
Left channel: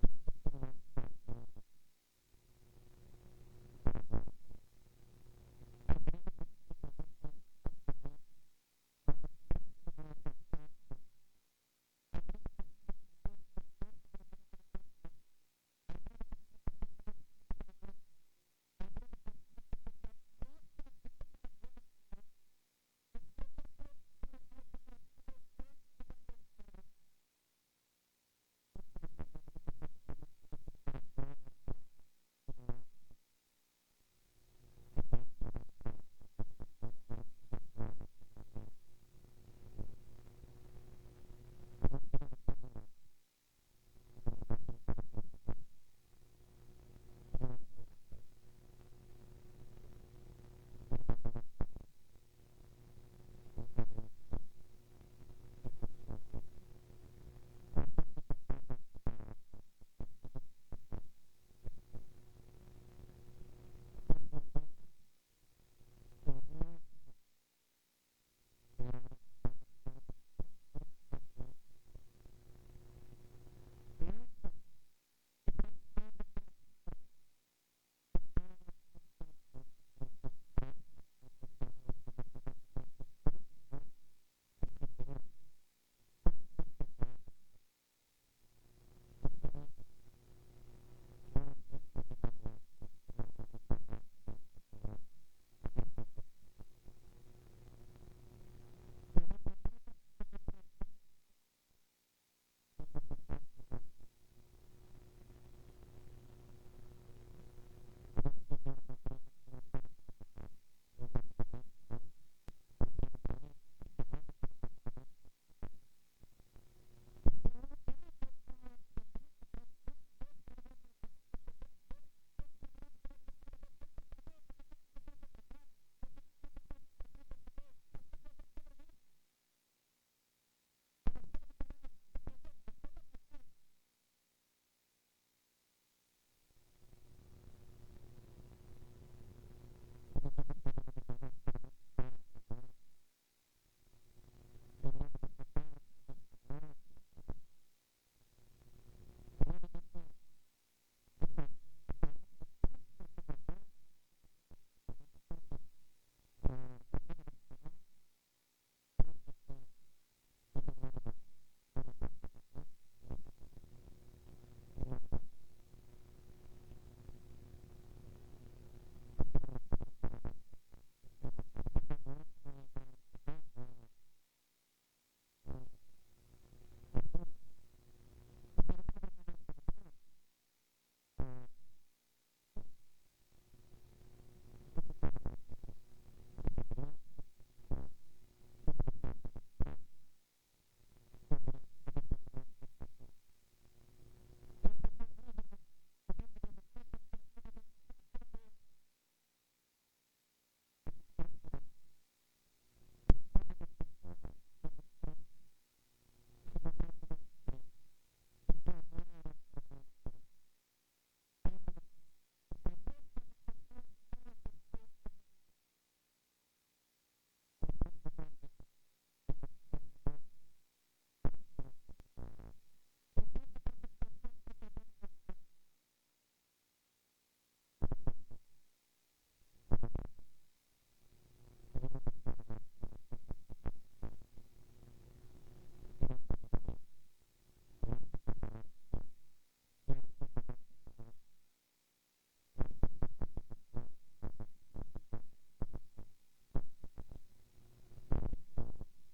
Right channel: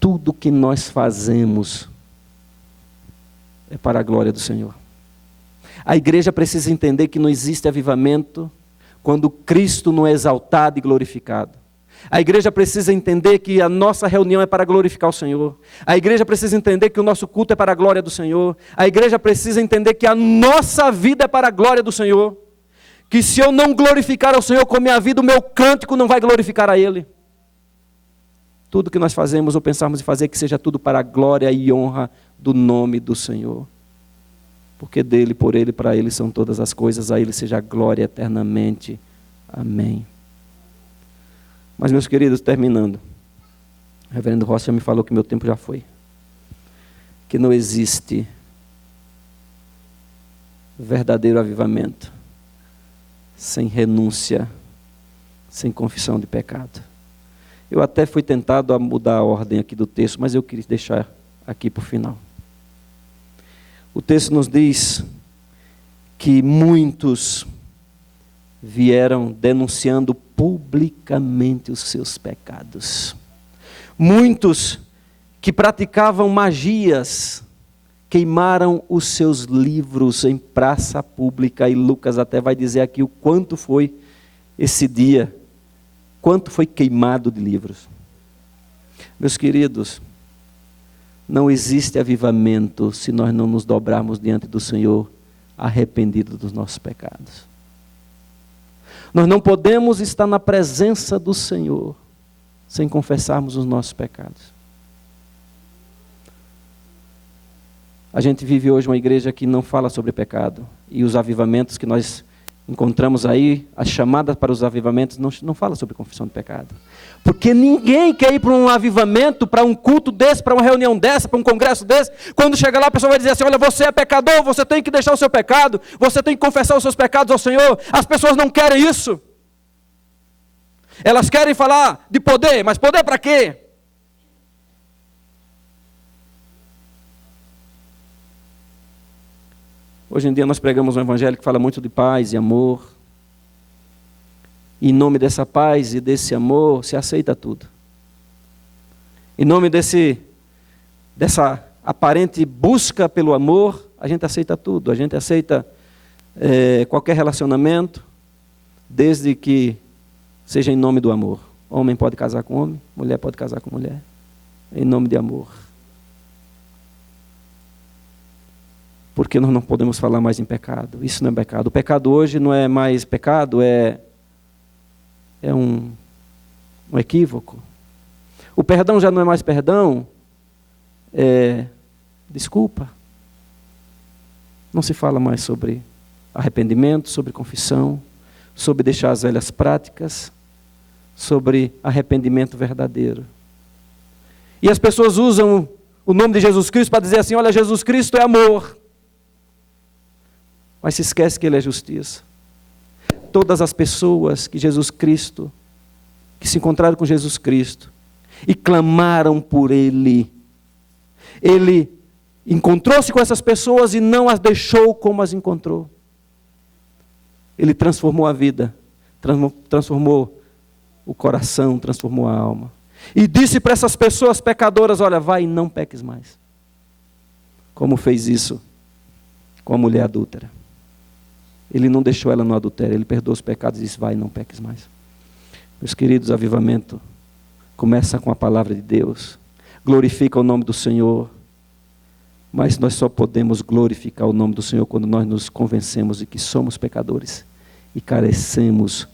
Tudo que nós fazemos é para a glória do Senhor. A igreja precisa entender que não existe avivamento quando Cristo não é exaltado e glorificado. A igreja precisa entender que a nossa reunião é para glorificar o Senhor. A igreja precisa entender que o nosso culto é para a glória do Senhor. A igreja precisa entender que a nossa vida é para a glória do Senhor. Que se eu não glorificar ao Senhor com a minha vida, o meu cântico não vai glorificar a Ele. Tudo que nós fazemos ou pensarmos em fazer, que seja tudo para a glória e honra do nome do Senhor. Porque dele, por Ele, para Ele são todas as coisas, a Ele seja a glória eternamente. Amém. Mas, meus queridos, terminando, o reverendo Rossi já me falou que meu tempo já foi. Que não existe verdadeiro avivamento sem renúncia, sem confissão de pecado. Eu até fui tentado a mudar a ordem aqui do texto, mas eu queria deixar aqui para o final. O texto nos diz que muitos vieram denunciando publicamente os seus pecados. Muitos que praticavam magias queimaram os seus livros em praça pública, e Lucas até vai dizer aqui o quanto foi esse dia, quanto foi queimado de livros. Meus queridos, não existe avivamento se nós não nos dobrarmos diante do Senhor arrependidos dos nossos pecados. Nós não podemos estar na presença do Senhor sem confessarmos os nossos pecados. A gente vive hoje uma igreja que não fala sobre pecado. E os avivamentos que nós encontramos aí, as chamadas para os avivamentos, não fala sobre confissão de pecado. Porque ninguém quer ir para um avivamento, para um culto desse, para uma reunião dessa, para um congresso desse. Quando chega lá, a pessoa vai dizer assim: olha, você é pecador, você tem que deixar o seu pecado, você tem que confessar os seus pecados ao Senhor. As pessoas não querem isso. Elas querem falar de poder, mas poder para quê? Hoje em dia nós pregamos um evangelho que fala muito de paz e amor. E em nome dessa paz e desse amor se aceita tudo. Em nome dessa aparente busca pelo amor, a gente aceita tudo. A gente aceita qualquer relacionamento, desde que seja em nome do amor. Homem pode casar com homem, mulher pode casar com mulher. Em nome de amor. Porque nós não podemos falar mais em pecado. Isso não é pecado. O pecado hoje não é mais pecado, é um equívoco. O perdão já não é mais perdão, desculpa. Não se fala mais sobre arrependimento, sobre confissão, sobre deixar as velhas práticas, sobre arrependimento verdadeiro. E as pessoas usam o nome de Jesus Cristo para dizer assim: olha, Jesus Cristo é amor. Mas se esquece que Ele é justiça. Todas as pessoas que se encontraram com Jesus Cristo e clamaram por Ele, Ele encontrou-se com essas pessoas e não as deixou como as encontrou. Ele transformou a vida, transformou o coração, transformou a alma. E disse para essas pessoas pecadoras: olha, vai e não peques mais. Como fez isso com a mulher adúltera. Ele não deixou ela no adultério, Ele perdoou os pecados e disse: vai e não peques mais. Meus queridos, avivamento começa com a palavra de Deus, glorifica o nome do Senhor, mas nós só podemos glorificar o nome do Senhor quando nós nos convencemos de que somos pecadores e carecemos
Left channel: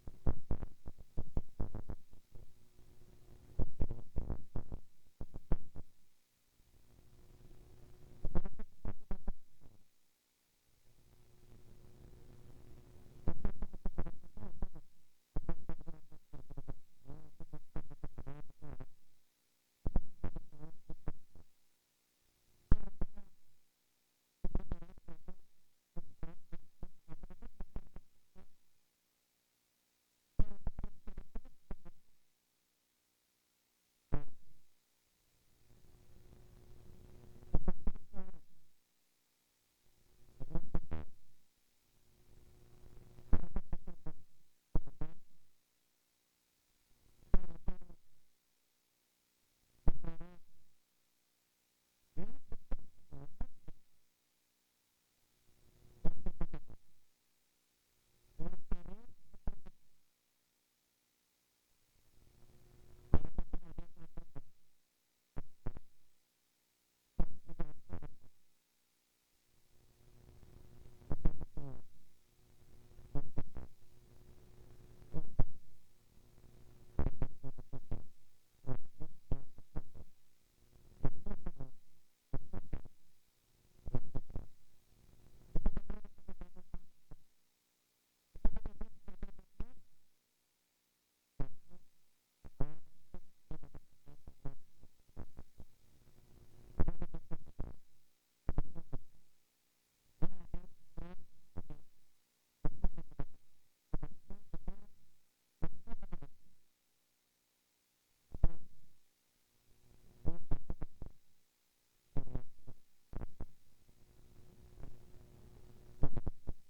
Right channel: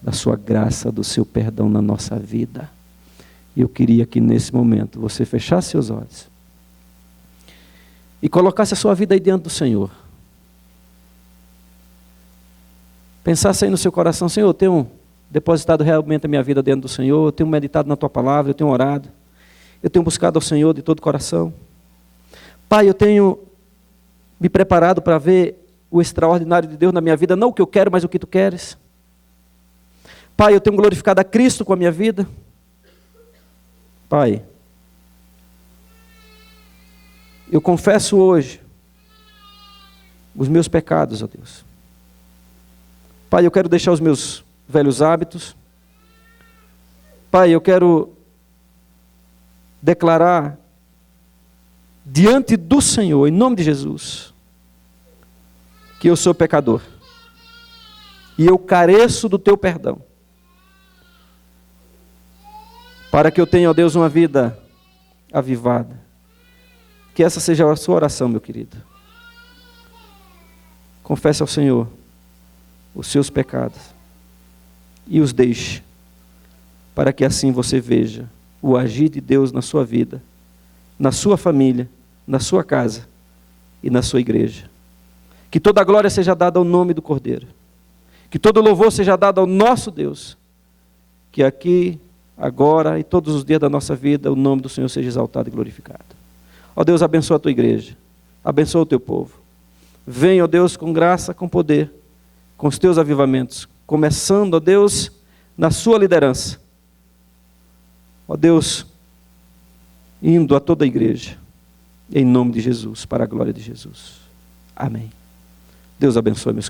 da sua graça, do seu perdão na nossa vida. E eu queria que nesse momento você fechasse seus olhos e colocasse a sua vida aí diante do Senhor. Pensasse aí no seu coração: Senhor, eu tenho depositado realmente a minha vida dentro do Senhor, eu tenho meditado na Tua palavra, eu tenho orado, eu tenho buscado ao Senhor de todo o coração. Pai, eu tenho me preparado para ver o extraordinário de Deus na minha vida, não o que eu quero, mas o que Tu queres. Pai, eu tenho glorificado a Cristo com a minha vida. Pai, eu confesso hoje os meus pecados, ó Deus. Pai, eu quero deixar os meus velhos hábitos. Pai, eu quero declarar diante do Senhor, em nome de Jesus, que eu sou pecador e eu careço do Teu perdão, para que eu tenha, ó Deus, uma vida avivada. Que essa seja a sua oração, meu querido. Confesse ao Senhor os seus pecados e os deixe, para que assim você veja o agir de Deus na sua vida, na sua família, na sua casa e na sua igreja. Que toda a glória seja dada ao nome do Cordeiro, que todo louvor seja dado ao nosso Deus, que aqui, agora e todos os dias da nossa vida, o nome do Senhor seja exaltado e glorificado. Ó Deus, abençoa a Tua igreja, abençoa o Teu povo. Vem, ó Deus, com graça, com poder, com os Teus avivamentos, começando, ó Deus, na Sua liderança. Ó Deus, indo a toda a igreja, em nome de Jesus, para a glória de Jesus. Amém. Deus abençoe, meus queridos.